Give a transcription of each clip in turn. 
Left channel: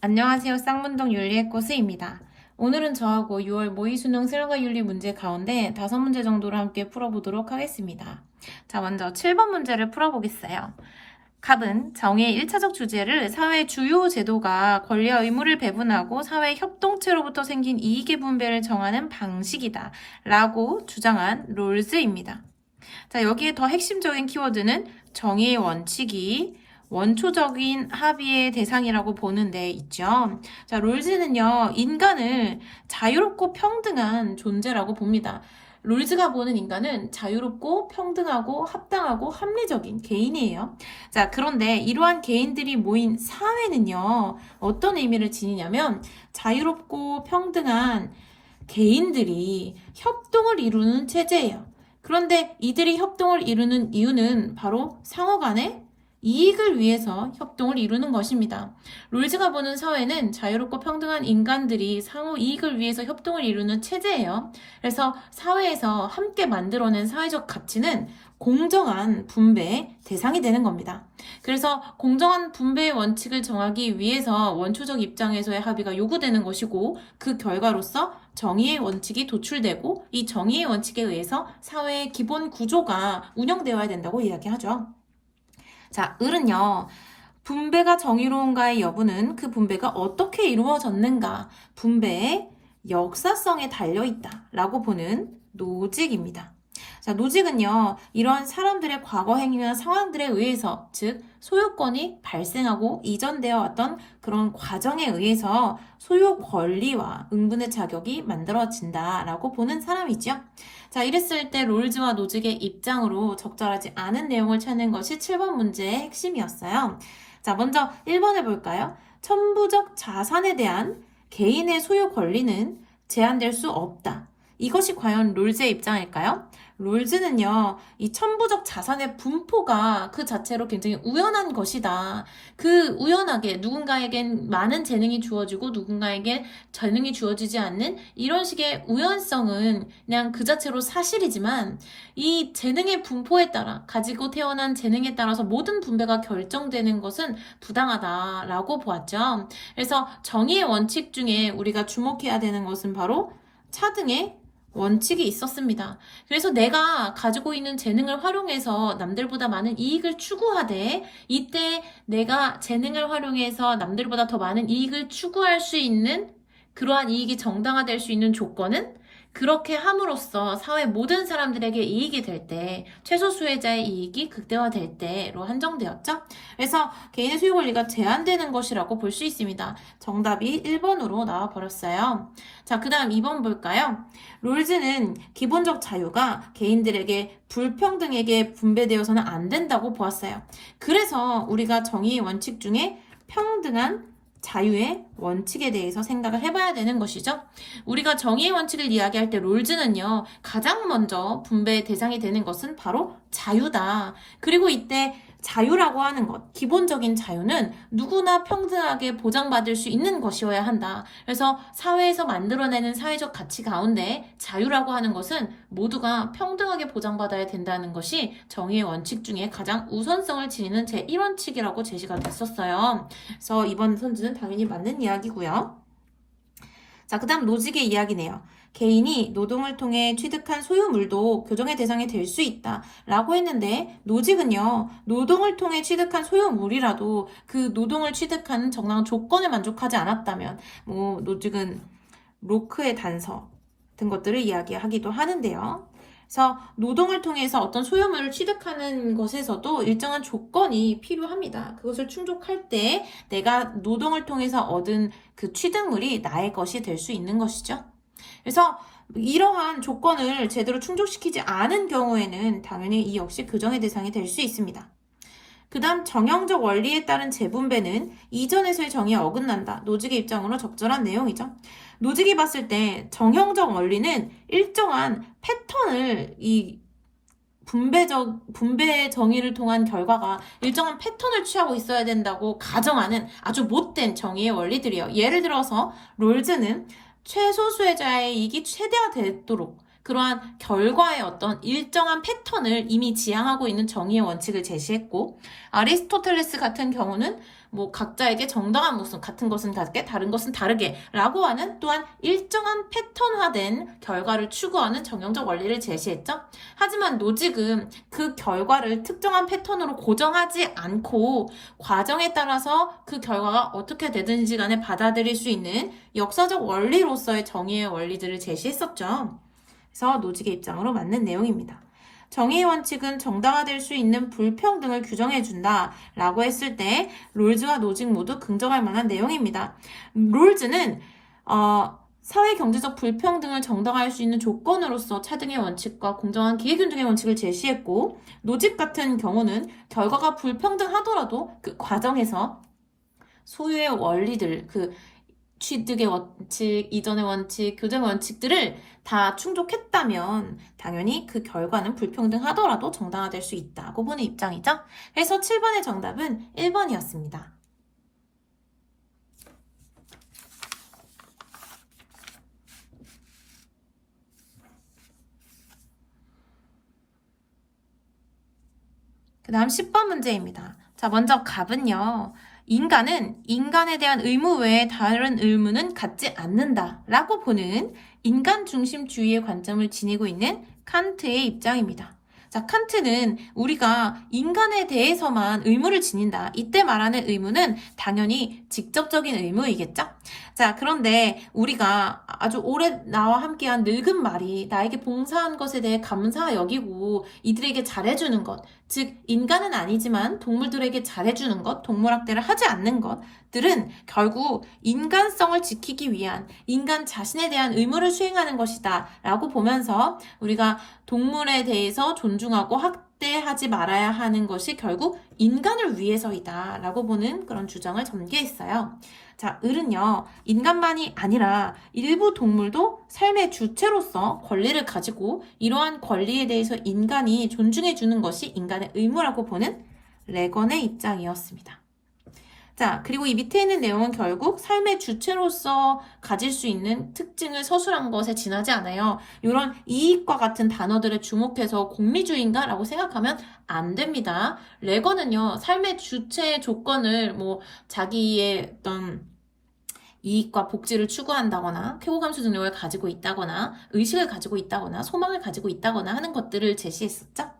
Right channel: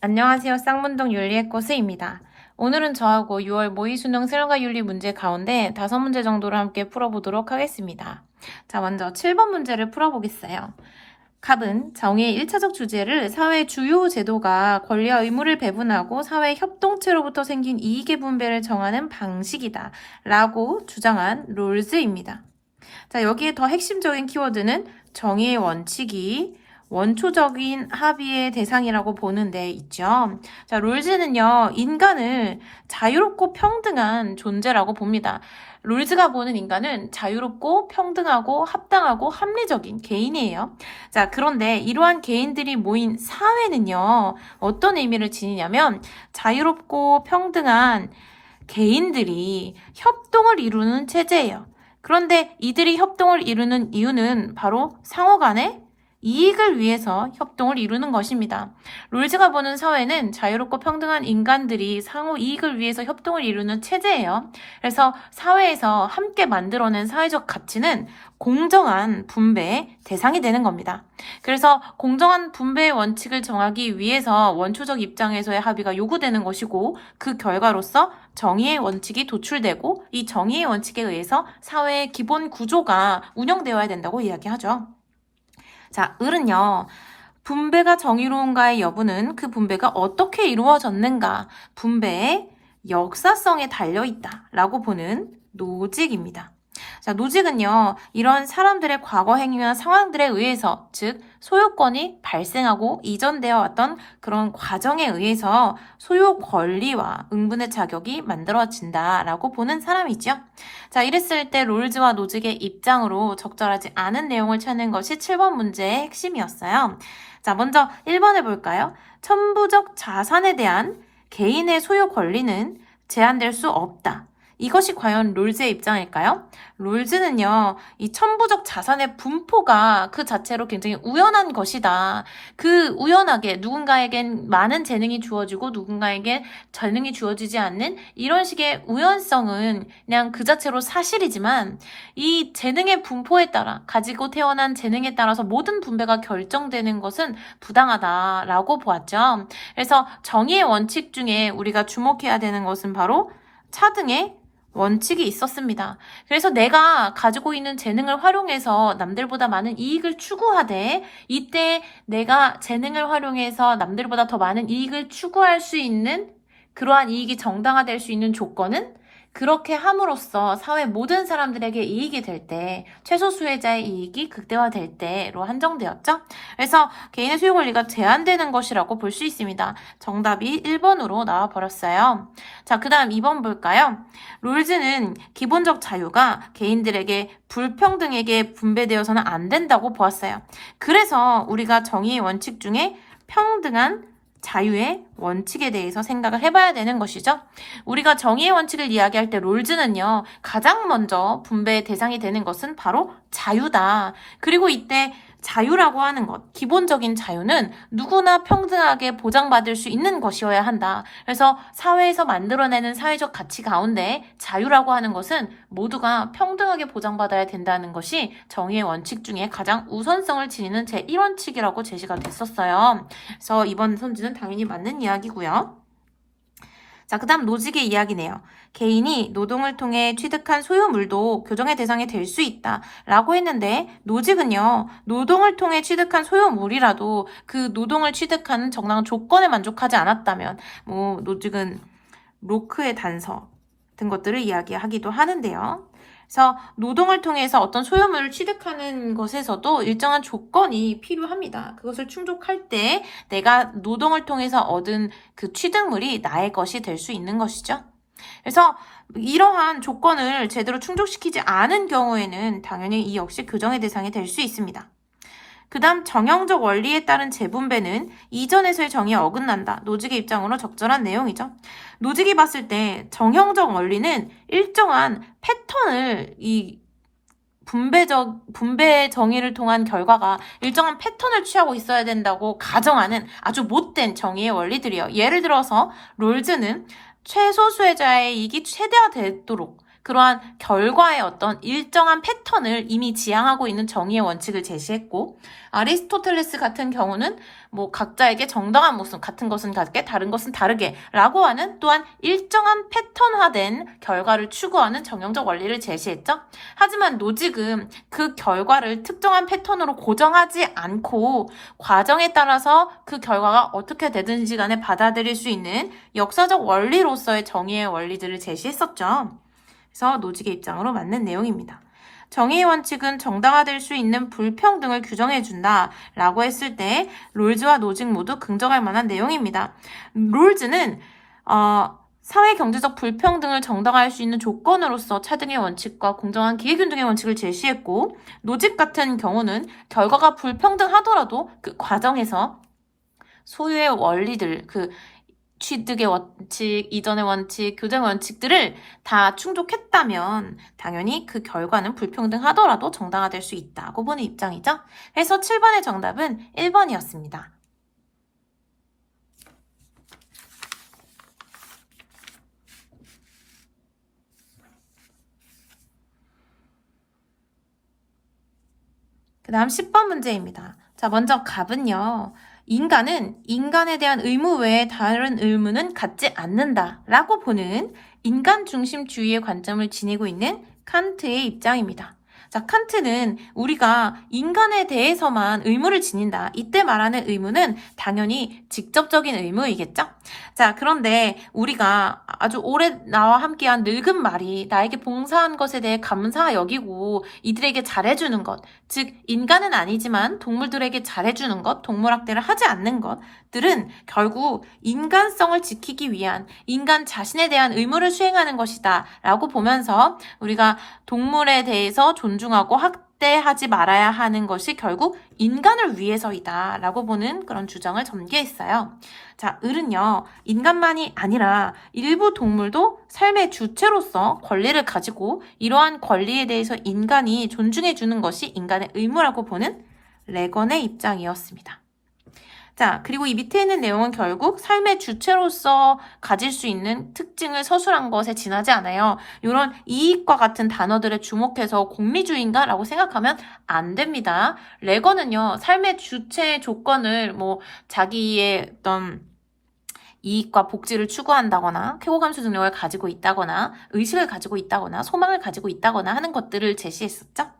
안녕하세요. 쌍문동 윤리의 꼬스입니다. 오늘은 저하고 6월 모의수능 수능과 윤리 문제 가운데 5문제 정도를 함께 풀어보도록 하겠습니다. 자, 먼저 7번 문제를 풀어보겠어요. 갑은 정의의 1차적 주제를 사회 주요 제도가 권리와 의무를 배분하고 사회 협동체로부터 생긴 이익의 분배를 정하는 방식이다 라고 주장한 롤즈입니다. 자, 여기에 더 핵심적인 키워드는 정의의 원칙이 원초적인 합의의 대상이라고 보는 데 있죠. 자, 롤즈는요, 인간을 자유롭고 평등한 존재라고 봅니다. 롤즈가 보는 인간은 자유롭고 평등하고 합당하고 합리적인 개인이에요. 자, 그런데 이러한 개인들이 모인 사회는요, 어떤 의미를 지니냐면 자유롭고 평등한 개인들이 협동을 이루는 체제예요. 그런데 이들이 협동을 이루는 이유는 바로 상호 간의 이익을 위해서 협동을 이루는 것입니다. 롤즈가 보는 사회는 자유롭고 평등한 인간들이 상호 이익을 위해서 협동을 이루는 체제예요. 그래서 사회에서 함께 만들어낸 사회적 가치는 공정한 분배의 대상이 되는 겁니다. 그래서 공정한 분배의 원칙을 정하기 위해서 원초적 입장에서의 합의가 요구되는 것이고 그 결과로서 정의의 원칙이 도출되고 이 정의의 원칙에 의해서 사회의 기본 구조가 운영되어야 된다고 이야기하죠. 자, 을은요. 분배가 정의로운가의 여부는 그 분배가 어떻게 이루어졌는가, 분배의 역사성에 달려있다라고 보는 노직입니다. 자, 노직은요, 이런 사람들의 과거 행위나 상황들에 의해서, 즉, 소유권이 발생하고 이전되어 왔던 그런 과정에 의해서 소유 권리와 응분의 자격이 만들어진다라고 보는 사람이죠. 자, 이랬을 때 롤즈와 노직의 입장으로 적절하지 않은 내용을 찾는 것이 7번 문제의 핵심이었어요. 자, 먼저 1번을 볼까요? 천부적 자산에 대한 개인의 소유 권리는 제한될 수 없다. 이것이 과연 롤즈의 입장일까요? 롤즈는요, 이 천부적 자산의 분포가 그 자체로 굉장히 우연한 것이다. 그 우연하게 누군가에겐 많은 재능이 주어지고 누군가에게 재능이 주어지지 않는 이런 식의 우연성은 그냥 그 자체로 사실이지만 이 재능의 분포에 따라 가지고 태어난 재능에 따라서 모든 분배가 결정되는 것은 부당하다라고 보았죠. 그래서 정의의 원칙 중에 우리가 주목해야 되는 것은 바로 차등의 원칙이 있었습니다. 그래서 내가 가지고 있는 재능을 활용해서 남들보다 많은 이익을 추구하되 이때 내가 재능을 활용해서 남들보다 더 많은 이익을 추구할 수 있는 그러한 이익이 정당화될 수 있는 조건은 그렇게 함으로써 사회 모든 사람들에게 이익이 될 때, 최소 수혜자의 이익이 극대화될 때로 한정되었죠. 그래서 개인의 소유 권리가 제한되는 것이라고 볼 수 있습니다. 정답이 1번으로 나와버렸어요. 자, 그 다음 2번 볼까요? 롤즈는 기본적 자유가 개인들에게 불평등에게 분배되어서는 안 된다고 보았어요. 그래서 우리가 정의의 원칙 중에 평등한 자유의 원칙에 대해서 생각을 해봐야 되는 것이죠. 우리가 정의의 원칙을 이야기할 때 롤즈는요, 가장 먼저 분배의 대상이 되는 것은 바로 자유다. 그리고 이때 자유라고 하는 것, 기본적인 자유는 누구나 평등하게 보장받을 수 있는 것이어야 한다. 그래서 사회에서 만들어내는 사회적 가치 가운데 자유라고 하는 것은 모두가 평등하게 보장받아야 된다는 것이 정의의 원칙 중에 가장 우선성을 지니는 제1원칙이라고 제시가 됐었어요. 그래서 이번 선지는 당연히 맞는 이야기고요. 자, 그 다음 노직의 이야기네요. 개인이 노동을 통해 취득한 소유물도 교정의 대상이 될 수 있다 라고 했는데 노직은요, 노동을 통해 취득한 소유물이라도 그 노동을 취득하는 정당한 조건에 만족하지 않았다면 노직은 로크의 단서 같은 것들을 이야기하기도 하는데요. 그래서 노동을 통해서 어떤 소유물을 취득하는 것에서도 일정한 조건이 필요합니다. 그것을 충족할 때 내가 노동을 통해서 얻은 그 취득물이 나의 것이 될 수 있는 것이죠. 그래서 이러한 조건을 제대로 충족시키지 않은 경우에는 당연히 이 역시 교정의 대상이 될 수 있습니다. 그 다음 정형적 원리에 따른 재분배는 이전에서의 정의에 어긋난다. 노직의 입장으로 적절한 내용이죠. 노직이 봤을 때 정형적 원리는 일정한 패턴을 분배 정의를 통한 결과가 일정한 패턴을 취하고 있어야 된다고 가정하는 아주 못된 정의의 원리들이요. 예를 들어서 롤즈는 최소 수혜자의 이익이 최대화되도록 그러한 결과의 어떤 일정한 패턴을 이미 지향하고 있는 정의의 원칙을 제시했고 아리스토텔레스 같은 경우는 뭐 각자에게 정당한 모습, 같은 것은 같게 다른 것은 다르게 라고 하는 또한 일정한 패턴화된 결과를 추구하는 정형적 원리를 제시했죠. 하지만 노직은 그 결과를 특정한 패턴으로 고정하지 않고 과정에 따라서 그 결과가 어떻게 되든지 간에 받아들일 수 있는 역사적 원리로서의 정의의 원리들을 제시했었죠. 그래서 노직의 입장으로 맞는 내용입니다. 정의의 원칙은 정당화될 수 있는 불평등을 규정해준다 라고 했을 때 롤즈와 노직 모두 긍정할 만한 내용입니다. 롤즈는 사회 경제적 불평등을 정당화할 수 있는 조건으로서 차등의 원칙과 공정한 기회균등의 원칙을 제시했고, 노직 같은 경우는 결과가 불평등하더라도 그 과정에서 소유의 원리들, 그 취득의 원칙, 이전의 원칙, 교정의 원칙들을 다 충족했다면 당연히 그 결과는 불평등하더라도 정당화될 수 있다고 보는 입장이죠. 그래서 7번의 정답은 1번이었습니다. 그 다음 10번 문제입니다. 자, 먼저 갑은요. 인간은 인간에 대한 의무 외에 다른 의무는 갖지 않는다 라고 보는 인간 중심주의의 관점을 지니고 있는 칸트의 입장입니다. 자, 칸트는 우리가 인간에 대해서만 의무를 지닌다. 이때 말하는 의무는 당연히 직접적인 의무이겠죠? 자, 그런데 우리가 아주 오래 나와 함께한 늙은 말이 나에게 봉사한 것에 대해 감사 여기고 이들에게 잘해주는 것, 즉 인간은 아니지만 동물들에게 잘해주는 것, 동물학대를 하지 않는 것들은 결국 인간성을 지키기 위한 인간 자신에 대한 의무를 수행하는 것이다 라고 보면서 우리가 동물에 대해서 존중하고 학대하지 말아야 하는 것이 결국 인간을 위해서이다 라고 보는 그런 주장을 전개했어요. 자, 을은요, 인간만이 아니라 일부 동물도 삶의 주체로서 권리를 가지고 이러한 권리에 대해서 인간이 존중해주는 것이 인간의 의무라고 보는 레건의 입장이었습니다. 자, 그리고 이 밑에 있는 내용은 결국 삶의 주체로서 가질 수 있는 특징을 서술한 것에 지나지 않아요. 이런 이익과 같은 단어들에 주목해서 공리주의인가? 라고 생각하면 안 됩니다. 레건은요, 삶의 주체의 조건을 자기의 어떤 이익과 복지를 추구한다거나 쾌거감수 능력을 가지고 있다거나 의식을 가지고 있다거나 소망을 가지고 있다거나 하는 것들을 제시했었죠.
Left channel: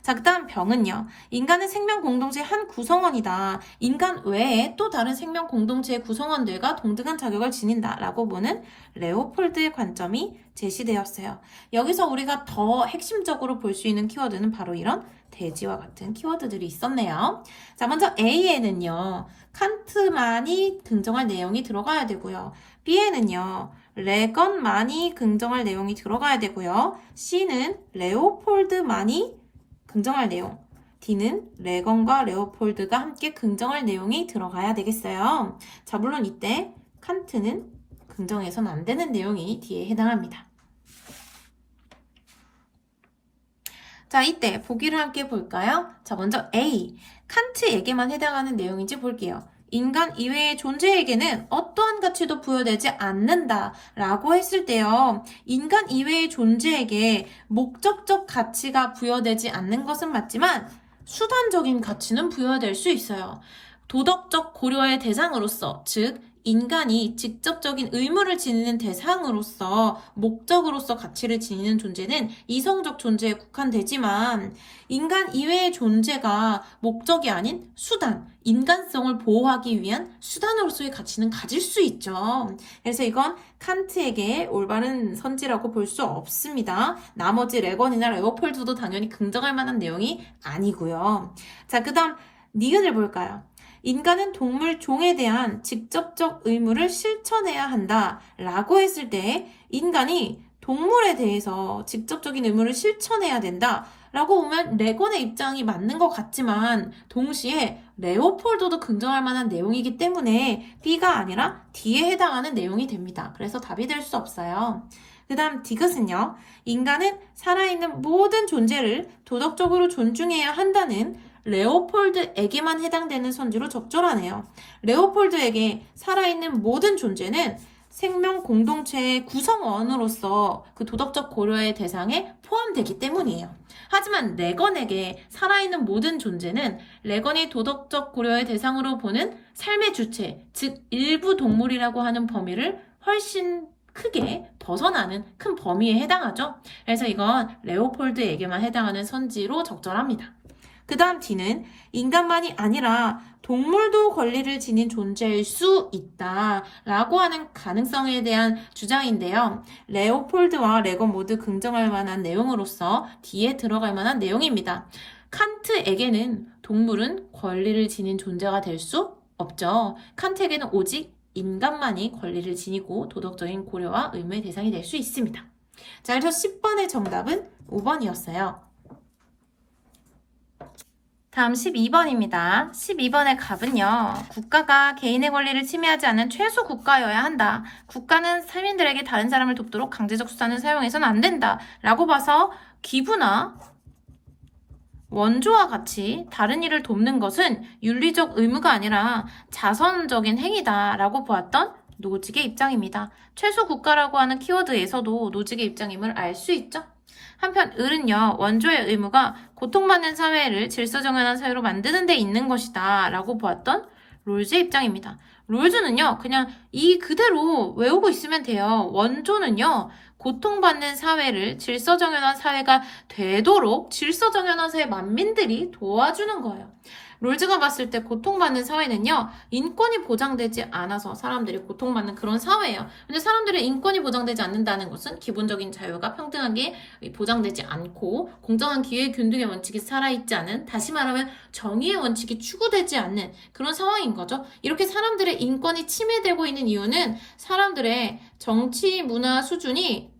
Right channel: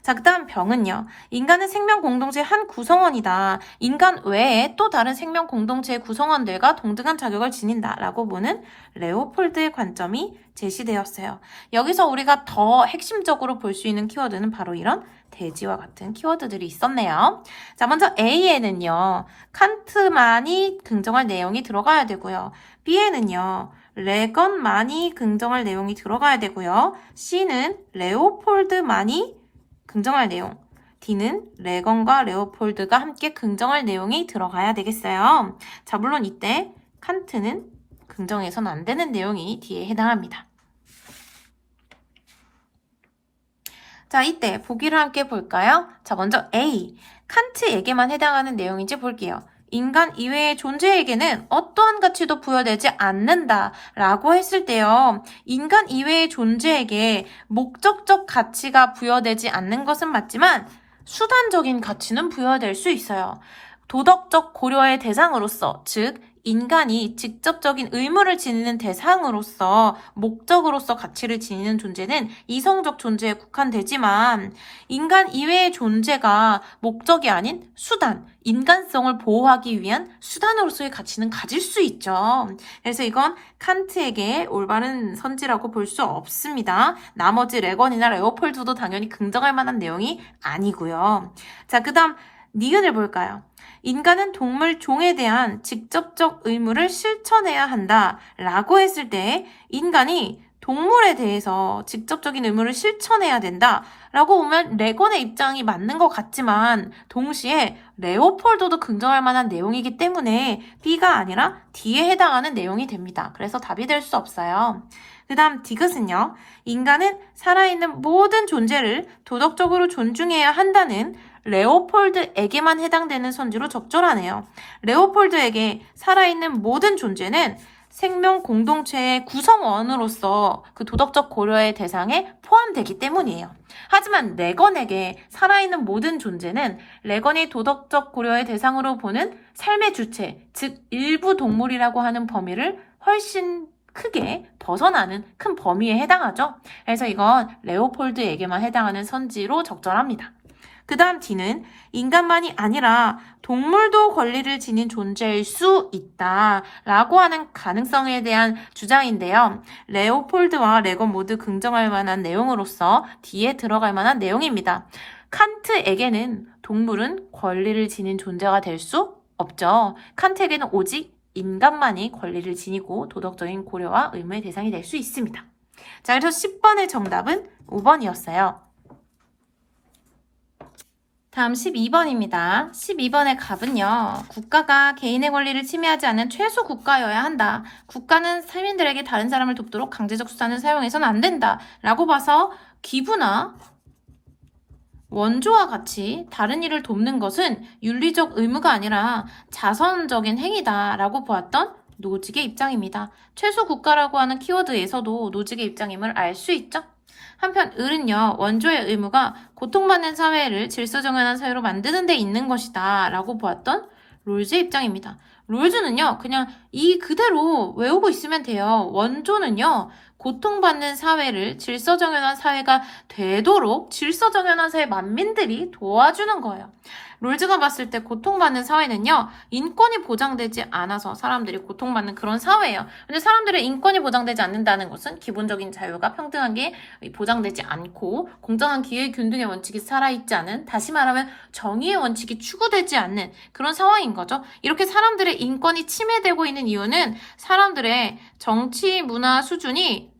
자, 그 다음 병은요. 인간은 생명 공동체의 한 구성원이다. 인간 외에 또 다른 생명 공동체의 구성원들과 동등한 자격을 지닌다. 라고 보는 레오폴드의 관점이 제시되었어요. 여기서 우리가 더 핵심적으로 볼 수 있는 키워드는 바로 이런 돼지와 같은 키워드들이 있었네요. 자, 먼저 A에는요. 칸트만이 긍정할 내용이 들어가야 되고요. B에는요. 레건만이 긍정할 내용이 들어가야 되고요. C는 레오폴드만이 긍정할 내용, D는 레건과 레오폴드가 함께 긍정할 내용이 들어가야 되겠어요. 자, 물론 이때 칸트는 긍정해서는 안 되는 내용이 D에 해당합니다. 자, 이때 보기를 함께 볼까요? 자, 먼저 A, 칸트에게만 해당하는 내용인지 볼게요. 인간 이외의 존재에게는 어떠한 가치도 부여되지 않는다 라고 했을 때요. 인간 이외의 존재에게 목적적 가치가 부여되지 않는 것은 맞지만 수단적인 가치는 부여될 수 있어요. 도덕적 고려의 대상으로서, 즉 인간이 직접적인 의무를 지니는 대상으로서 목적으로서 가치를 지니는 존재는 이성적 존재에 국한되지만 인간 이외의 존재가 목적이 아닌 수단, 인간성을 보호하기 위한 수단으로서의 가치는 가질 수 있죠. 그래서 이건 칸트에게 올바른 선지라고 볼 수 없습니다. 나머지 레건이나 레오폴드도 당연히 긍정할 만한 내용이 아니고요. 자, 그 다음 니은을 볼까요? 인간은 동물 종에 대한 직접적 의무를 실천해야 한다 라고 했을 때 인간이 동물에 대해서 직접적인 의무를 실천해야 된다 라고 보면 레건의 입장이 맞는 것 같지만 동시에 레오폴드도 긍정할 만한 내용이기 때문에 B가 아니라 D에 해당하는 내용이 됩니다. 그래서 답이 될 수 없어요. 그 다음 디귿은요. 인간은 살아있는 모든 존재를 도덕적으로 존중해야 한다는 레오폴드에게만 해당되는 선지로 적절하네요. 레오폴드에게 살아있는 모든 존재는 생명 공동체의 구성원으로서 그 도덕적 고려의 대상에 포함되기 때문이에요. 하지만 레건에게 살아있는 모든 존재는 레건이 도덕적 고려의 대상으로 보는 삶의 주체, 즉 일부 동물이라고 하는 범위를 훨씬 크게 벗어나는 큰 범위에 해당하죠. 그래서 이건 레오폴드에게만 해당하는 선지로 적절합니다. 그 다음 D는 인간만이 아니라 동물도 권리를 지닌 존재일 수 있다 라고 하는 가능성에 대한 주장인데요. 레오폴드와 레건 모두 긍정할 만한 내용으로서 D에 들어갈 만한 내용입니다. 칸트에게는 동물은 권리를 지닌 존재가 될 수 없죠. 칸트에게는 오직 인간만이 권리를 지니고 도덕적인 고려와 의무의 대상이 될 수 있습니다. 자, 그래서 10번의 정답은 5번이었어요. 다음 12번입니다. 12번의 답은요. 국가가 개인의 권리를 침해하지 않는 최소 국가여야 한다. 국가는 시민들에게 다른 사람을 돕도록 강제적 수단을 사용해서는 안 된다. 라고 봐서 기부나 원조와 같이 다른 일을 돕는 것은 윤리적 의무가 아니라 자선적인 행위다 라고 보았던 노직의 입장입니다. 최소 국가라고 하는 키워드에서도 노직의 입장임을 알 수 있죠. 한편 을은요. 원조의 의무가 고통받는 사회를 질서정연한 사회로 만드는 데 있는 것이다 라고 보았던 롤즈의 입장입니다. 롤즈는요. 그냥 이 그대로 외우고 있으면 돼요. 원조는요. 고통받는 사회를 질서정연한 사회가 되도록 질서정연한 사회 만민들이 도와주는 거예요. 롤즈가 봤을 때 고통받는 사회는요. 인권이 보장되지 않아서 사람들이 고통받는 그런 사회예요. 근데 사람들의 인권이 보장되지 않는다는 것은 기본적인 자유가 평등하게 보장되지 않고 공정한 기회 균등의 원칙이 살아있지 않은, 다시 말하면 정의의 원칙이 추구되지 않는 그런 상황인 거죠. 이렇게 사람들의 인권이 침해되고 있는 이유는 사람들의 정치 문화 수준이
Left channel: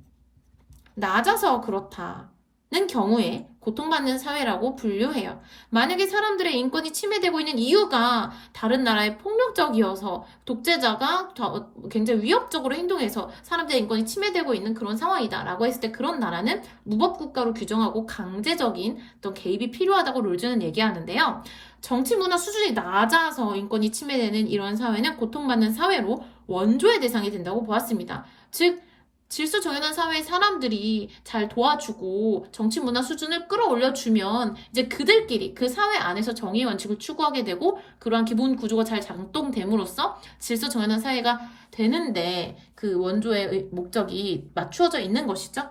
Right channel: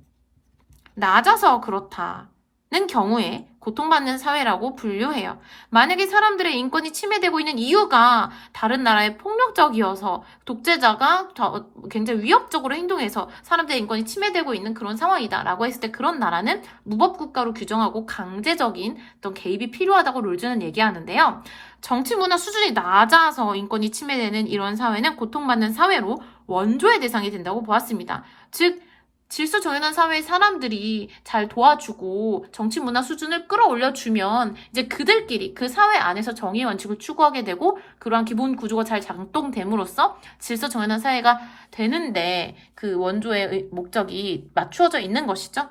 낮아서 그렇다는 경우에 고통받는 사회라고 분류해요. 만약에 사람들의 인권이 침해되고 있는 이유가 다른 나라의 폭력적이어서 독재자가 굉장히 위협적으로 행동해서 사람들의 인권이 침해되고 있는 그런 상황이다 라고 했을 때 그런 나라는 무법국가로 규정하고 강제적인 어떤 개입이 필요하다고 롤즈는 얘기하는데요. 정치 문화 수준이 낮아서 인권이 침해되는 이런 사회는 고통받는 사회로 원조의 대상이 된다고 보았습니다. 즉 질서 정연한 사회의 사람들이 잘 도와주고 정치 문화 수준을 끌어올려주면 이제 그들끼리 그 사회 안에서 정의의 원칙을 추구하게 되고 그러한 기본 구조가 잘 작동됨으로써 질서 정연한 사회가 되는데 그 원조의 목적이 맞추어져 있는 것이죠.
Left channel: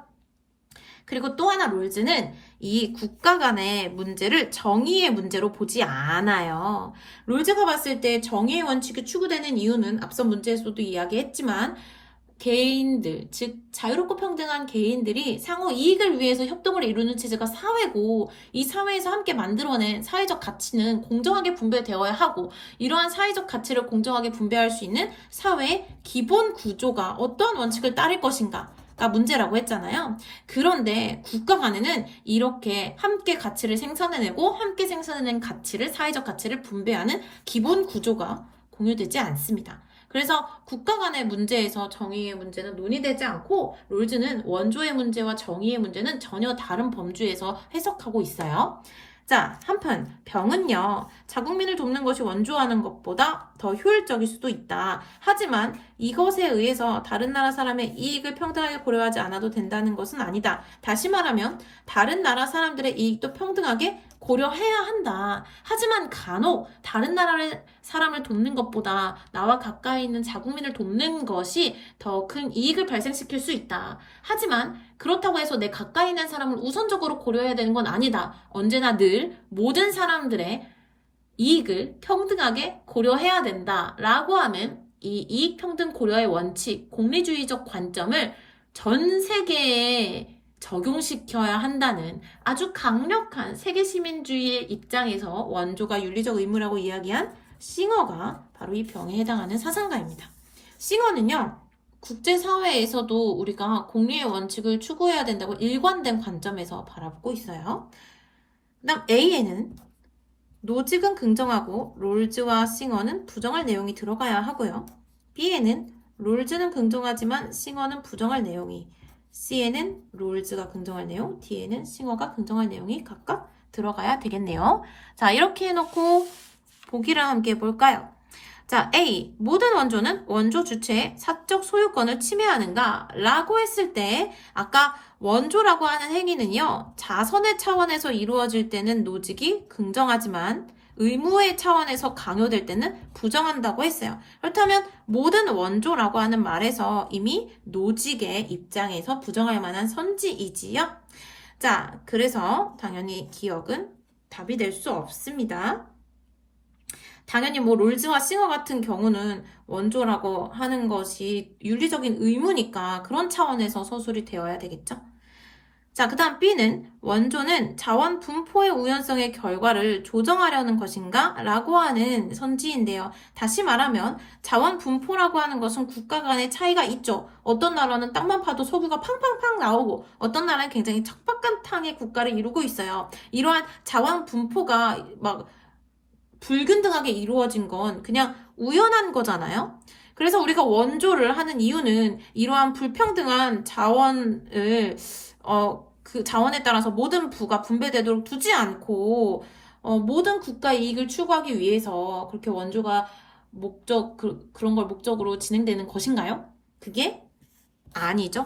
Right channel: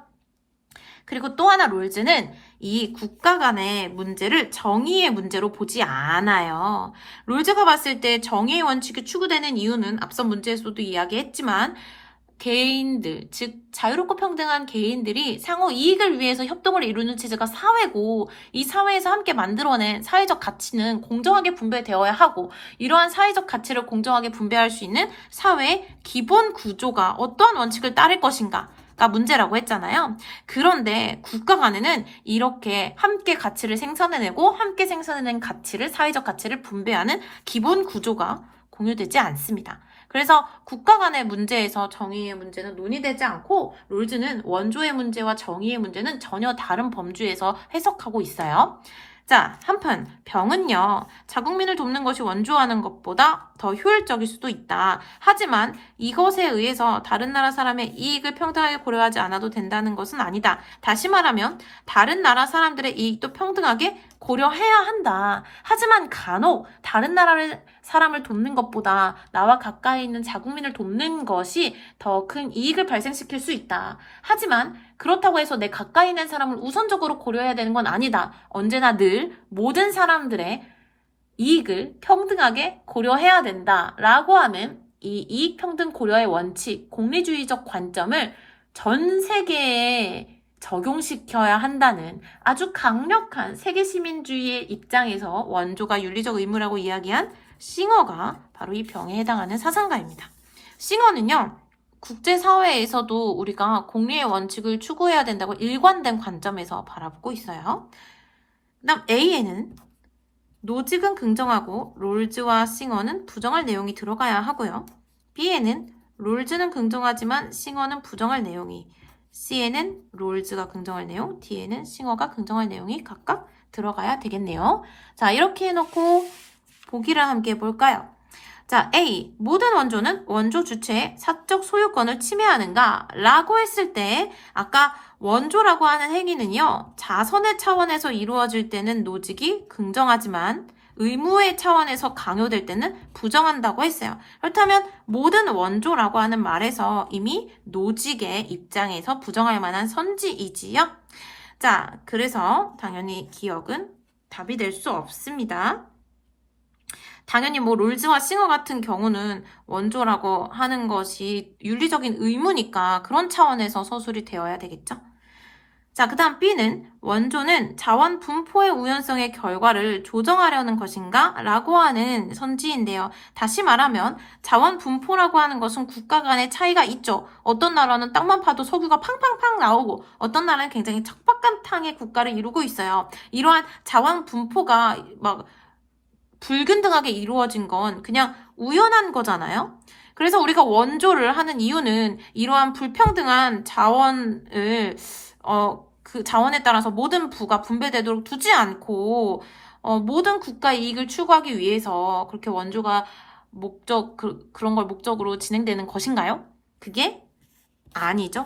그리고 또 하나 롤즈는 이 국가 간의 문제를 정의의 문제로 보지 않아요. 롤즈가 봤을 때 정의의 원칙이 추구되는 이유는 앞선 문제에서도 이야기했지만 개인들, 즉 자유롭고 평등한 개인들이 상호 이익을 위해서 협동을 이루는 체제가 사회고 이 사회에서 함께 만들어낸 사회적 가치는 공정하게 분배되어야 하고 이러한 사회적 가치를 공정하게 분배할 수 있는 사회의 기본 구조가 어떠한 원칙을 따를 것인가가 문제라고 했잖아요. 그런데 국가 간에는 이렇게 함께 가치를 생산해내고 함께 생산해낸 가치를 사회적 가치를 분배하는 기본 구조가 공유되지 않습니다. 그래서 국가 간의 문제에서 정의의 문제는 논의되지 않고 롤즈는 원조의 문제와 정의의 문제는 전혀 다른 범주에서 해석하고 있어요. 자, 한편 병은요. 자국민을 돕는 것이 원조하는 것보다 더 효율적일 수도 있다. 하지만 이것에 의해서 다른 나라 사람의 이익을 평등하게 고려하지 않아도 된다는 것은 아니다. 다시 말하면 다른 나라 사람들의 이익도 평등하게 고려해야 한다. 하지만 간혹 다른 나라의 사람을 돕는 것보다 나와 가까이 있는 자국민을 돕는 것이 더 큰 이익을 발생시킬 수 있다. 하지만 그렇다고 해서 내 가까이 있는 사람을 우선적으로 고려해야 되는 건 아니다. 언제나 늘 모든 사람들의 이익을 평등하게 고려해야 된다라고 하는 이 이익평등 고려의 원칙, 공리주의적 관점을 전 세계에 적용시켜야 한다는 아주 강력한 세계시민주의의 입장에서 원조가 윤리적 의무라고 이야기한 싱어가 바로 이 병에 해당하는 사상가입니다. 싱어는요. 국제사회에서도 우리가 공리의 원칙을 추구해야 된다고 일관된 관점에서 바라보고 있어요. 그 다음 A에는 노직은 긍정하고 롤즈와 싱어는 부정할 내용이 들어가야 하고요. B에는 롤즈는 긍정하지만 싱어는 부정할 내용이, C에는 롤즈가 긍정할 내용, D에는 싱어가 긍정할 내용이 각각 들어가야 되겠네요. 자, 이렇게 해놓고 보기를 함께 해볼까요? 자, A. 모든 원조는 원조 주체의 사적 소유권을 침해하는가? 라고 했을 때 아까 원조라고 하는 행위는요. 자선의 차원에서 이루어질 때는 노직이 긍정하지만 의무의 차원에서 강요될 때는 부정한다고 했어요. 그렇다면 모든 원조라고 하는 말에서 이미 노직의 입장에서 부정할 만한 선지이지요. 자, 그래서 당연히 기억은 답이 될 수 없습니다. 당연히 뭐 롤즈와 싱어 같은 경우는 원조라고 하는 것이 윤리적인 의무니까 그런 차원에서 서술이 되어야 되겠죠. 자, 그 다음 B는 원조는 자원 분포의 우연성의 결과를 조정하려는 것인가? 라고 하는 선지인데요. 다시 말하면 자원 분포라고 하는 것은 국가 간의 차이가 있죠. 어떤 나라는 땅만 파도 석유가 팡팡팡 나오고 어떤 나라는 굉장히 척박한탕의 국가를 이루고 있어요. 이러한 자원 분포가 막 불균등하게 이루어진 건 그냥 우연한 거잖아요. 그래서 우리가 원조를 하는 이유는 이러한 불평등한 자원을 그 자원에 따라서 모든 부가 분배되도록 두지 않고 모든 국가 이익을 추구하기 위해서 그렇게 원조가 그런 걸 목적으로 진행되는 것인가요? 그게 아니죠.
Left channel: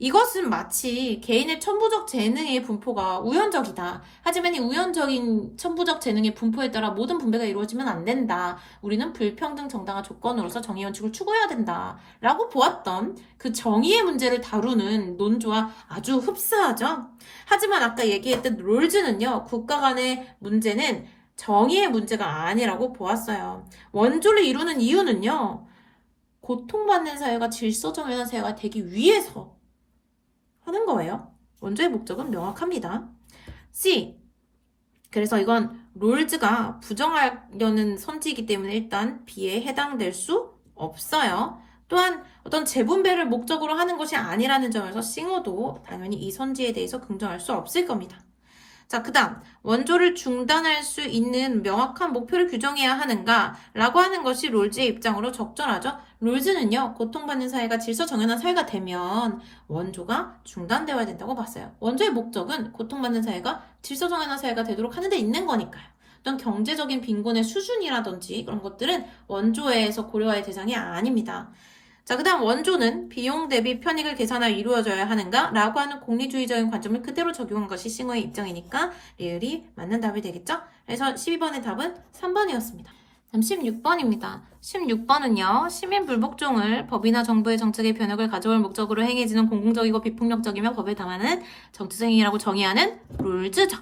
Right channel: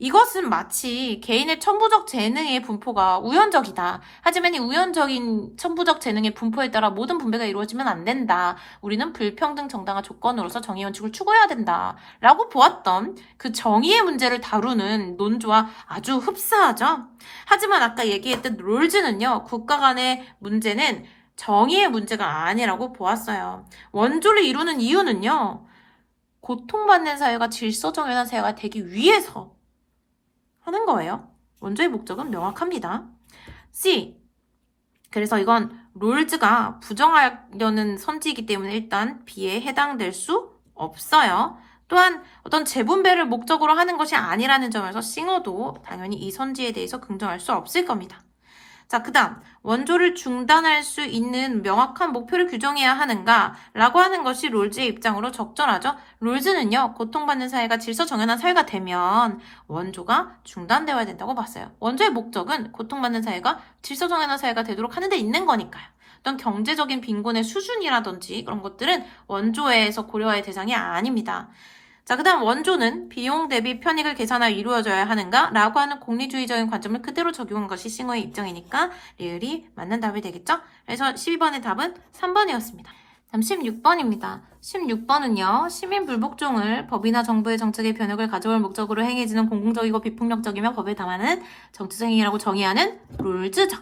이것은 마치 개인의 천부적 재능의 분포가 우연적이다. 하지만 이 우연적인 천부적 재능의 분포에 따라 모든 분배가 이루어지면 안 된다. 우리는 불평등 정당화 조건으로서 정의 원칙을 추구해야 된다. 라고 보았던 그 정의의 문제를 다루는 논조와 아주 흡사하죠. 하지만 아까 얘기했던 롤즈는요. 국가 간의 문제는 정의의 문제가 아니라고 보았어요. 원조를 이루는 이유는요. 고통받는 사회가 질서정연한 사회가 되기 위해서 하는 거예요. 원조의 목적은 명확합니다. C. 그래서 이건 롤즈가 부정하려는 선지이기 때문에 일단 B에 해당될 수 없어요. 또한 어떤 재분배를 목적으로 하는 것이 아니라는 점에서 싱어도 당연히 이 선지에 대해서 긍정할 수 없을 겁니다. 자, 그 다음 원조를 중단할 수 있는 명확한 목표를 규정해야 하는가? 라고 하는 것이 롤즈의 입장으로 적절하죠. 롤즈는요. 고통받는 사회가 질서정연한 사회가 되면 원조가 중단되어야 된다고 봤어요. 원조의 목적은 고통받는 사회가 질서정연한 사회가 되도록 하는 데 있는 거니까요. 어떤 경제적인 빈곤의 수준이라든지 그런 것들은 원조에서 고려할 대상이 아닙니다. 자, 그 다음 원조는 비용 대비 편익을 계산하여 이루어져야 하는가? 라고 하는 공리주의적인 관점을 그대로 적용한 것이 싱어의 입장이니까 리을이 맞는 답이 되겠죠? 그래서 12번의 답은 3번이었습니다. 다음 16번입니다. 16번은요. 시민 불복종을 법이나 정부의 정책의 변혁을 가져올 목적으로 행해지는 공공적이고 비폭력적이며 법에 담하는 정치적 행위라고 정의하는 롤즈죠.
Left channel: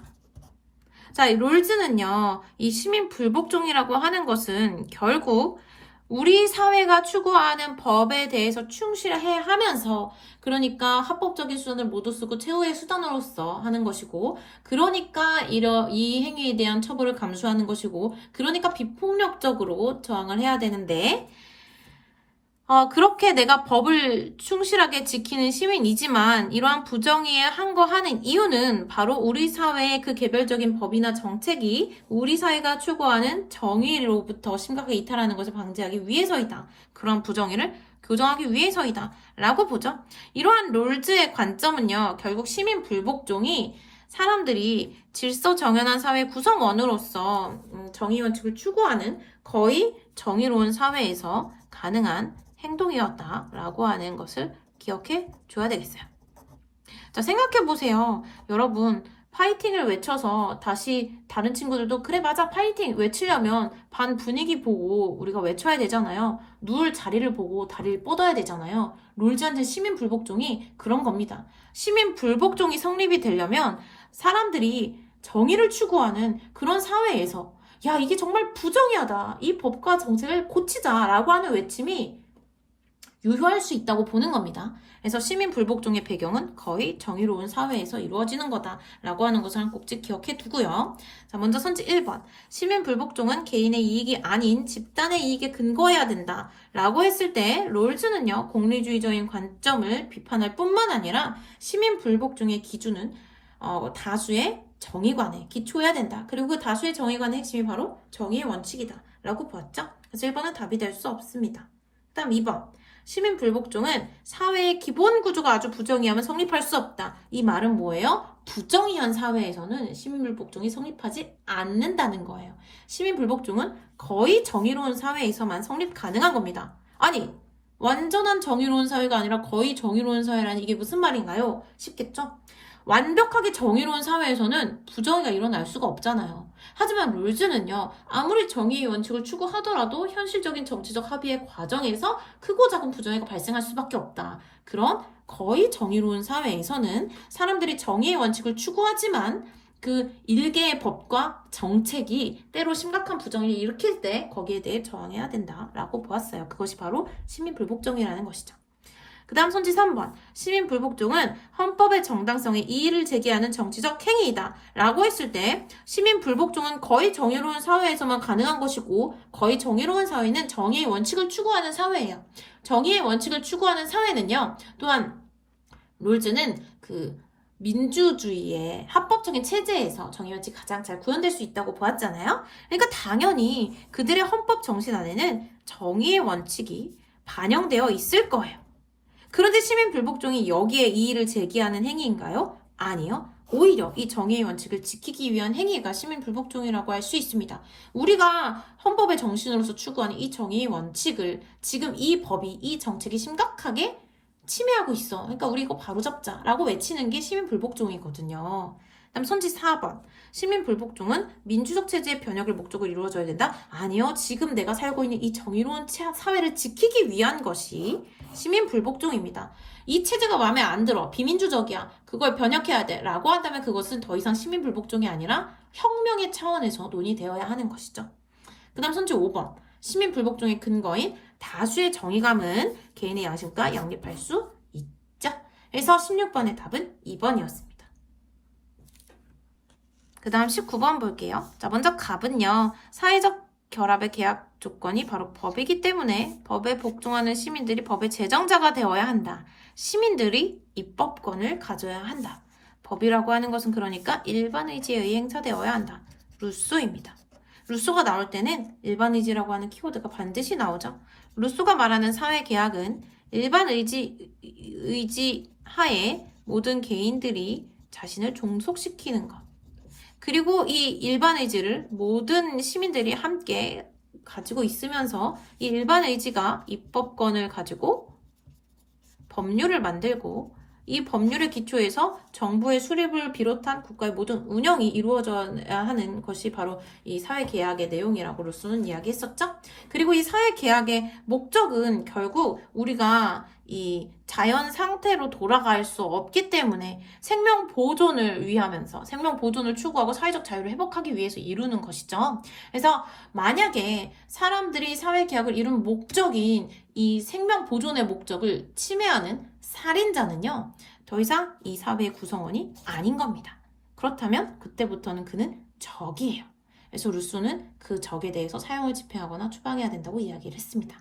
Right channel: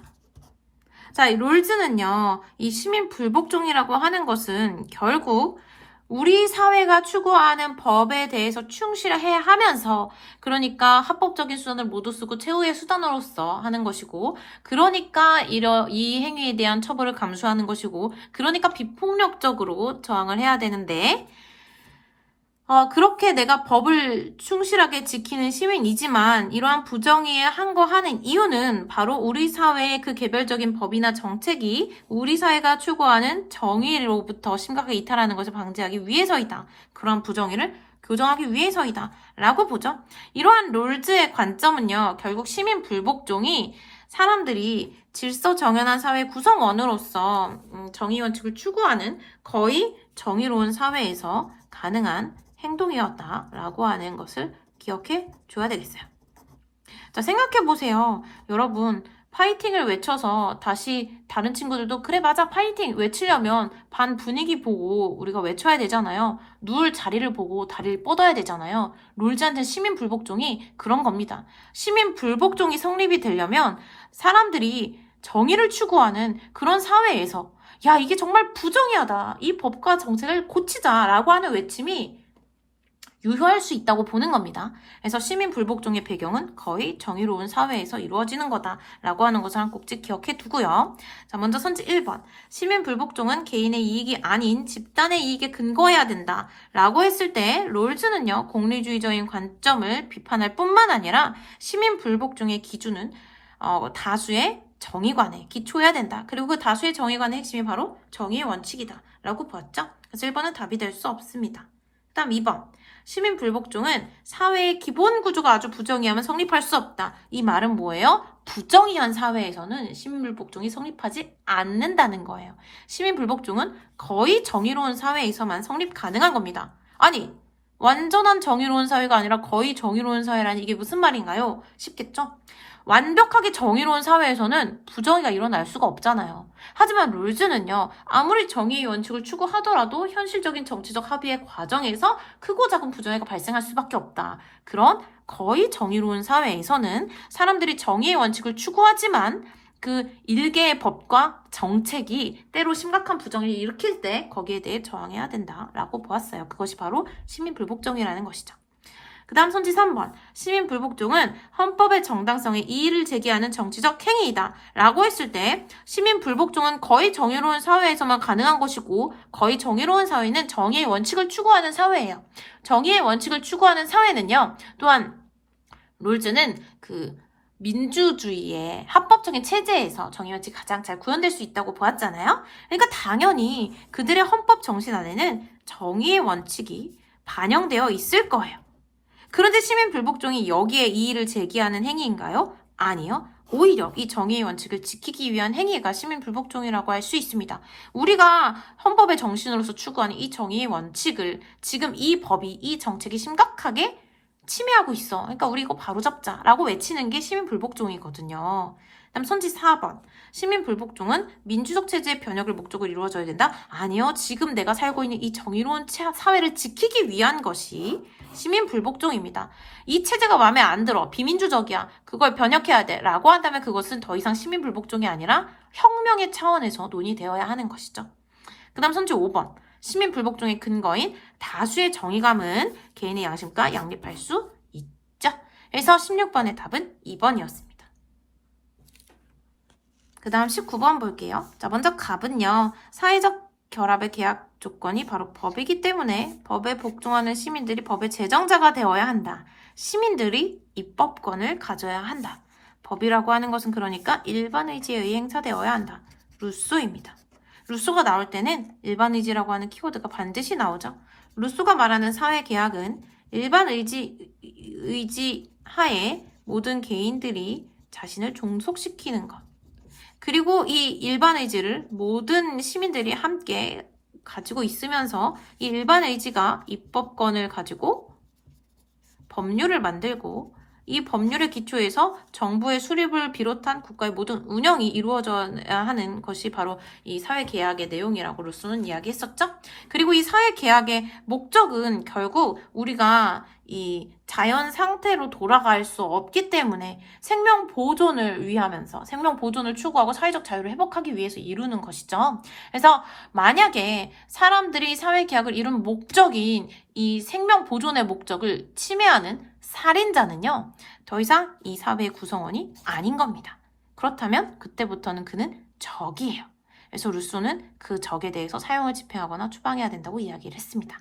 자, 이 롤즈는요. 이 시민 불복종이라고 하는 것은 결국 우리 사회가 추구하는 법에 대해서 충실해야 하면서 그러니까 합법적인 수단을 모두 쓰고 최후의 수단으로서 하는 것이고 그러니까 이 행위에 대한 처벌을 감수하는 것이고 그러니까 비폭력적으로 저항을 해야 되는데 그렇게 내가 법을 충실하게 지키는 시민이지만 이러한 부정의에 항거하는 이유는 바로 우리 사회의 그 개별적인 법이나 정책이 우리 사회가 추구하는 정의로부터 심각하게 이탈하는 것을 방지하기 위해서이다. 그러한 부정의를 교정하기 위해서이다. 라고 보죠. 이러한 롤즈의 관점은요. 결국 시민 불복종이 사람들이 질서정연한 사회 구성원으로서 정의 원칙을 추구하는 거의 정의로운 사회에서 가능한 행동이었다라고 하는 것을 기억해 줘야 되겠어요. 자, 생각해 보세요. 여러분, 파이팅을 외쳐서 다시 다른 친구들도 그래 맞아 파이팅 외치려면 반 분위기 보고 우리가 외쳐야 되잖아요. 누울 자리를 보고 다리를 뻗어야 되잖아요. 롤즈한테 시민 불복종이 그런 겁니다. 시민 불복종이 성립이 되려면 사람들이 정의를 추구하는 그런 사회에서 야 이게 정말 부정의하다. 이 법과 정책을 고치자라고 하는 외침이 유효할 수 있다고 보는 겁니다. 그래서 시민 불복종의 배경은 거의 정의로운 사회에서 이루어지는 거다라고 하는 것을 한 꼭지 기억해 두고요. 자, 먼저 선지 1번. 시민 불복종은 개인의 이익이 아닌 집단의 이익에 근거해야 된다라고 했을 때 롤즈는요. 공리주의적인 관점을 비판할 뿐만 아니라 시민 불복종의 기준은 다수의 정의관에 기초해야 된다. 그리고 그 다수의 정의관의 핵심이 바로 정의의 원칙이다 라고 보았죠. 그래서 1번은 답이 될 수 없습니다. 그 다음 2번. 시민불복종은 사회의 기본 구조가 아주 부정의하면 성립할 수 없다. 이 말은 뭐예요? 부정의한 사회에서는 시민불복종이 성립하지 않는다는 거예요. 시민불복종은 거의 정의로운 사회에서만 성립 가능한 겁니다. 아니, 완전한 정의로운 사회가 아니라 거의 정의로운 사회라니 이게 무슨 말인가요? 쉽겠죠? 완벽하게 정의로운 사회에서는 부정의가 일어날 수가 없잖아요. 하지만 룰즈는요, 아무리 정의의 원칙을 추구하더라도 현실적인 정치적 합의의 과정에서 크고 작은 부정의가 발생할 수밖에 없다. 그런 거의 정의로운 사회에서는 사람들이 정의의 원칙을 추구하지만 그 일개의 법과 정책이 때로 심각한 부정을 일으킬 때 거기에 대해 저항해야 된다라고 보았어요. 그것이 바로 시민불복종이라는 것이죠. 그 다음 선지 3번. 시민불복종은 헌법의 정당성에 이의를 제기하는 정치적 행위이다 라고 했을 때 시민불복종은 거의 정의로운 사회에서만 가능한 것이고 거의 정의로운 사회는 정의의 원칙을 추구하는 사회예요. 정의의 원칙을 추구하는 사회는요. 또한 롤즈는 그 민주주의의 합법적인 체제에서 정의 원칙이 가장 잘 구현될 수 있다고 보았잖아요. 그러니까 당연히 그들의 헌법 정신 안에는 정의의 원칙이 반영되어 있을 거예요. 그런데 시민불복종이 여기에 이의를 제기하는 행위인가요? 아니요. 오히려 이 정의의 원칙을 지키기 위한 행위가 시민불복종이라고 할 수 있습니다. 우리가 헌법의 정신으로서 추구하는 이 정의의 원칙을 지금 이 법이, 이 정책이 심각하게 침해하고 있어. 그러니까 우리 이거 바로잡자라고 외치는 게 시민불복종이거든요. 다음 선지 4번. 시민불복종은 민주적 체제의 변혁을 목적으로 이루어져야 된다? 아니요. 지금 내가 살고 있는 이 정의로운 사회를 지키기 위한 것이 시민불복종입니다. 이 체제가 마음에 안 들어. 비민주적이야. 그걸 변혁해야 돼. 라고 한다면 그것은 더 이상 시민불복종이 아니라 혁명의 차원에서 논의되어야 하는 것이죠. 그 다음 선지 5번. 시민불복종의 근거인 다수의 정의감은 개인의 양심과 양립할 수 있죠. 그래서 16번의 답은 2번이었습니다. 그 다음 19번 볼게요. 자, 먼저 갑은요. 사회적 결합의 계약 조건이 바로 법이기 때문에 법에 복종하는 시민들이 법의 제정자가 되어야 한다. 시민들이 입법권을 가져야 한다. 법이라고 하는 것은 그러니까 일반 의지에 의해 행사되어야 한다. 루소입니다. 루소가 나올 때는 일반 의지라고 하는 키워드가 반드시 나오죠. 루소가 말하는 사회계약은 일반 의지 하에 모든 개인들이 자신을 종속시키는 것. 그리고 이 일반 의지를 모든 시민들이 함께 가지고 있으면서 이 일반 의지가 입법권을 가지고 법률을 만들고 이 법률의 기초에서 정부의 수립을 비롯한 국가의 모든 운영이 이루어져야 하는 것이 바로 이 사회계약의 내용이라고 루소는 이야기했었죠. 그리고 이 사회계약의 목적은 결국 우리가 이 자연 상태로 돌아갈 수 없기 때문에 생명 보존을 위하면서 생명 보존을 추구하고 사회적 자유를 회복하기 위해서 이루는 것이죠. 그래서 만약에 사람들이 사회계약을 이룬 목적인 이 생명 보존의 목적을 침해하는 살인자는요, 더 이상 이 사회의 구성원이 아닌 겁니다. 그렇다면 그때부터는 그는 적이에요. 그래서 루소는 그 적에 대해서 사형을 집행하거나 추방해야 된다고 이야기를 했습니다.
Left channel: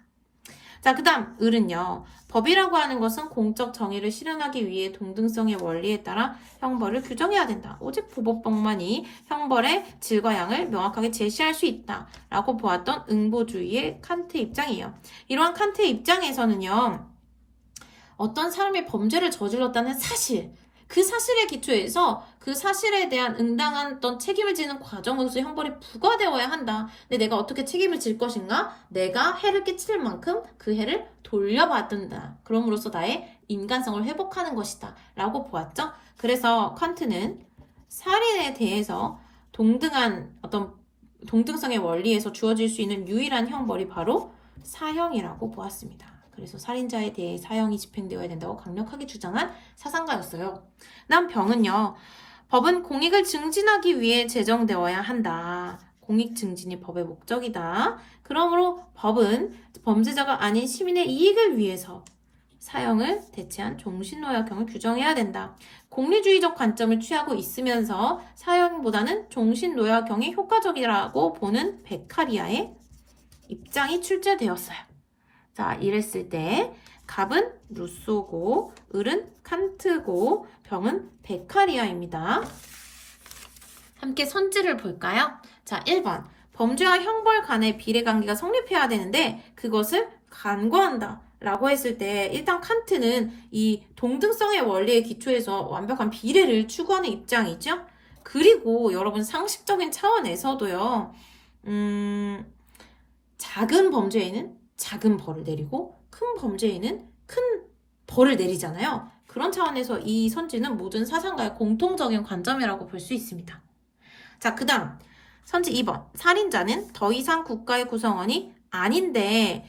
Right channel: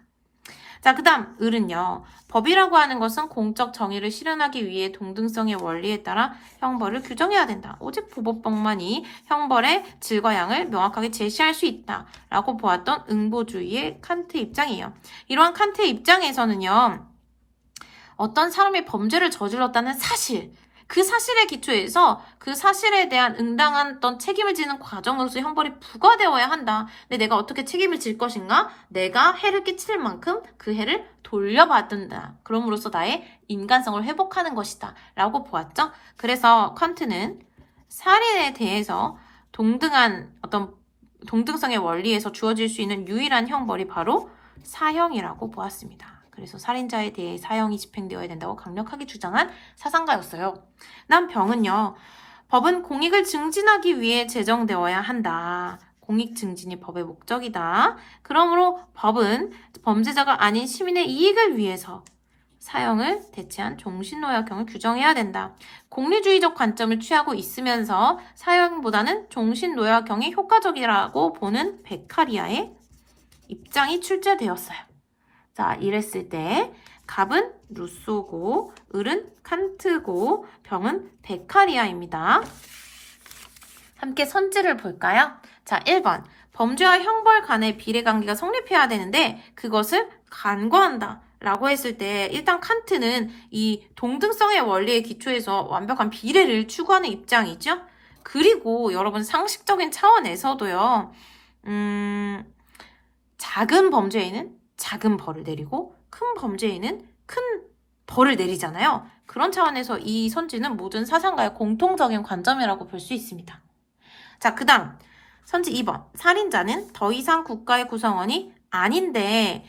자, 그 다음 을은요. 법이라고 하는 것은 공적 정의를 실현하기 위해 동등성의 원리에 따라 형벌을 규정해야 된다. 오직 부법법만이 형벌의 질과 양을 명확하게 제시할 수 있다. 라고 보았던 응보주의의 칸트 입장이에요. 이러한 칸트의 입장에서는요. 어떤 사람이 범죄를 저질렀다는 사실, 그 사실의 기초에서 그 사실에 대한 응당한 어떤 책임을 지는 과정으로서 형벌이 부과되어야 한다. 근데 내가 어떻게 책임을 질 것인가? 내가 해를 끼칠 만큼 그 해를 돌려받는다. 그럼으로써 나의 인간성을 회복하는 것이다. 라고 보았죠. 그래서 칸트는 살인에 대해서 동등한 어떤 동등성의 원리에서 주어질 수 있는 유일한 형벌이 바로 사형이라고 보았습니다. 그래서 살인자에 대해 사형이 집행되어야 된다고 강력하게 주장한 사상가였어요. 난 병은요. 법은 공익을 증진하기 위해 제정되어야 한다. 공익 증진이 법의 목적이다. 그러므로 법은 범죄자가 아닌 시민의 이익을 위해서 사형을 대체한 종신노역형을 규정해야 된다. 공리주의적 관점을 취하고 있으면서 사형보다는 종신노역형이 효과적이라고 보는 베카리아의 입장이 출제되었어요. 자, 이랬을 때 갑은 루소고, 을은 칸트고, 병은 베카리아입니다. 함께 선지를 볼까요? 자, 1번. 범죄와 형벌 간의 비례관계가 성립해야 되는데 그것을 간과한다 라고 했을 때 일단 칸트는 이 동등성의 원리에 기초해서 완벽한 비례를 추구하는 입장이죠. 그리고 여러분 상식적인 차원에서도요. 작은 범죄에는 작은 벌을 내리고 큰 범죄에는 큰 벌을 내리잖아요. 그런 차원에서 이 선지는 모든 사상가의 공통적인 관점이라고 볼 수 있습니다. 자, 그 다음 선지 2번. 살인자는 더 이상 국가의 구성원이 아닌데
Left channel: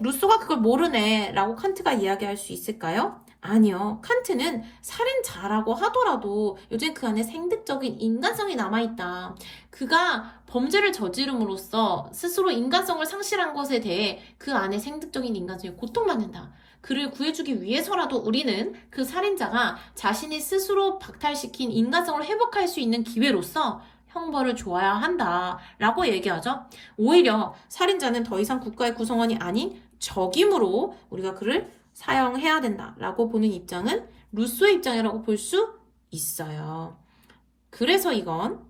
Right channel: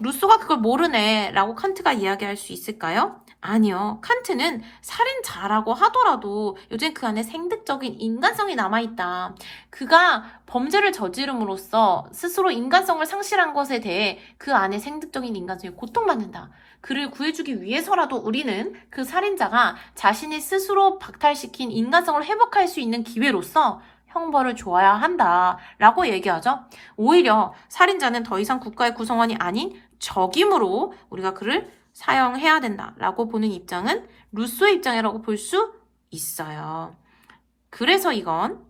루소가 그걸 모르네 라고 칸트가 이야기할 수 있을까요? 아니요. 칸트는 살인자라고 하더라도 요즘 그 안에 생득적인 인간성이 남아있다. 그가 범죄를 저지름으로써 스스로 인간성을 상실한 것에 대해 그 안에 생득적인 인간성이 고통받는다. 그를 구해주기 위해서라도 우리는 그 살인자가 자신이 스스로 박탈시킨 인간성을 회복할 수 있는 기회로서 형벌을 줘야 한다 라고 얘기하죠. 오히려 살인자는 더 이상 국가의 구성원이 아닌 적임으로 우리가 그를 사형해야 된다 라고 보는 입장은 루소의 입장이라고 볼 수 있어요. 그래서 이건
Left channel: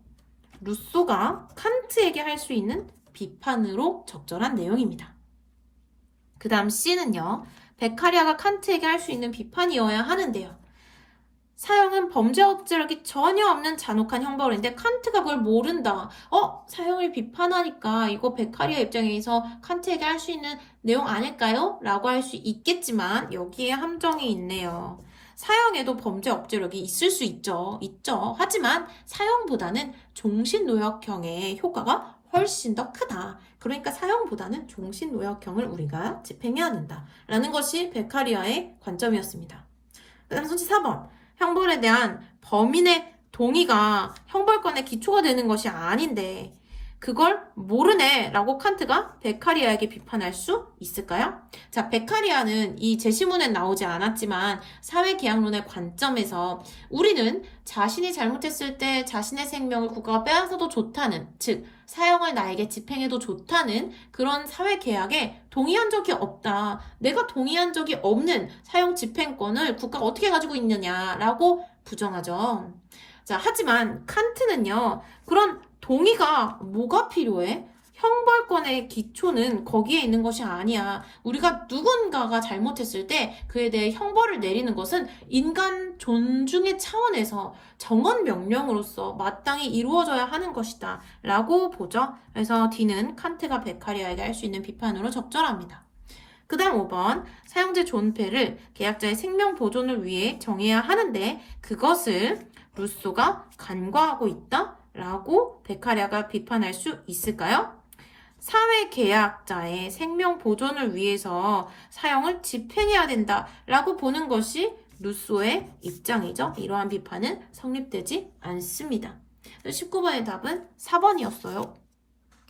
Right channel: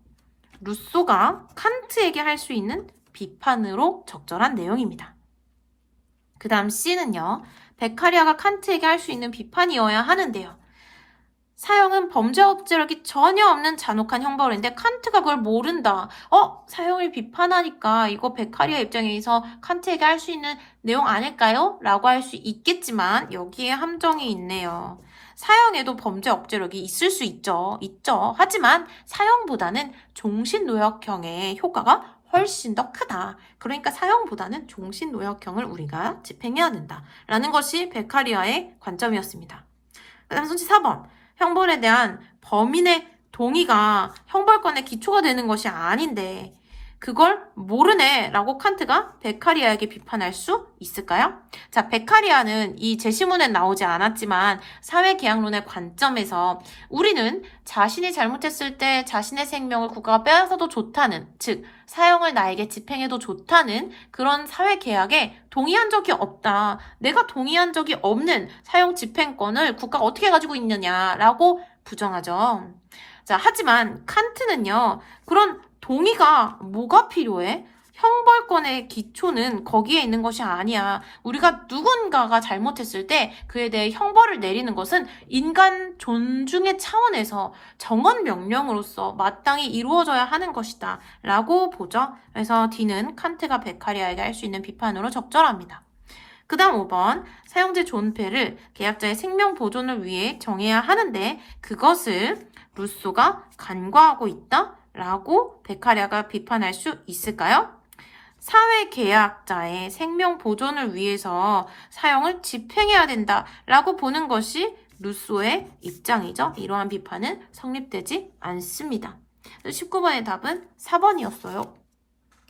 루소가 칸트에게 할 수 있는 비판으로 적절한 내용입니다. 그 다음 C는요. 베카리아가 칸트에게 할 수 있는 비판이어야 하는데요. 사형은 범죄 억제력이 전혀 없는 잔혹한 형벌인데 칸트가 그걸 모른다. 사형을 비판하니까 이거 베카리아 입장에서 칸트에게 할 수 있는 내용 아닐까요? 라고 할 수 있겠지만 여기에 함정이 있네요. 사형에도 범죄 억제력이 있을 수 있죠. 하지만 사형보다는 종신노역형의 효과가 훨씬 더 크다. 그러니까 사형보다는 종신노역형을 우리가 집행해야 된다. 라는 것이 베카리아의 관점이었습니다. 그 다음 선지 4번. 형벌에 대한 범인의 동의가 형벌권의 기초가 되는 것이 아닌데 그걸 모르네 라고 칸트가 베카리아에게 비판할 수 있을까요? 자, 베카리아는 이 제시문엔 나오지 않았지만 사회계약론의 관점에서 우리는 자신이 잘못했을 때 자신의 생명을 국가가 빼앗아도 좋다는, 즉 사형을 나에게 집행해도 좋다는 그런 사회계약에 동의한 적이 없다. 내가 동의한 적이 없는 사형 집행권을 국가가 어떻게 가지고 있느냐라고 부정하죠. 자, 하지만 칸트는요. 그런 동의가 뭐가 필요해? 형벌권의 기초는 거기에 있는 것이 아니야. 우리가 누군가가 잘못했을 때 그에 대해 형벌을 내리는 것은 인간 존중의 차원에서 정언 명령으로서 마땅히 이루어져야 하는 것이다. 라고 보죠. 그래서 D는 칸트가 베카리아에게 할 수 있는 비판으로 적절합니다. 그 다음 5번. 사형제 존폐를 계약자의 생명 보존을 위해 정해야 하는데 그것을 루소가 간과하고 있다? 라고 베카리아가 비판할 수 있을까요? 사회계약자의 생명 보존을 위해서 사형을 집행해야 된다 라고 보는 것이 루소의 입장이죠. 이러한 비판은 성립되지 않습니다. 19번의 답은 4번이었어요.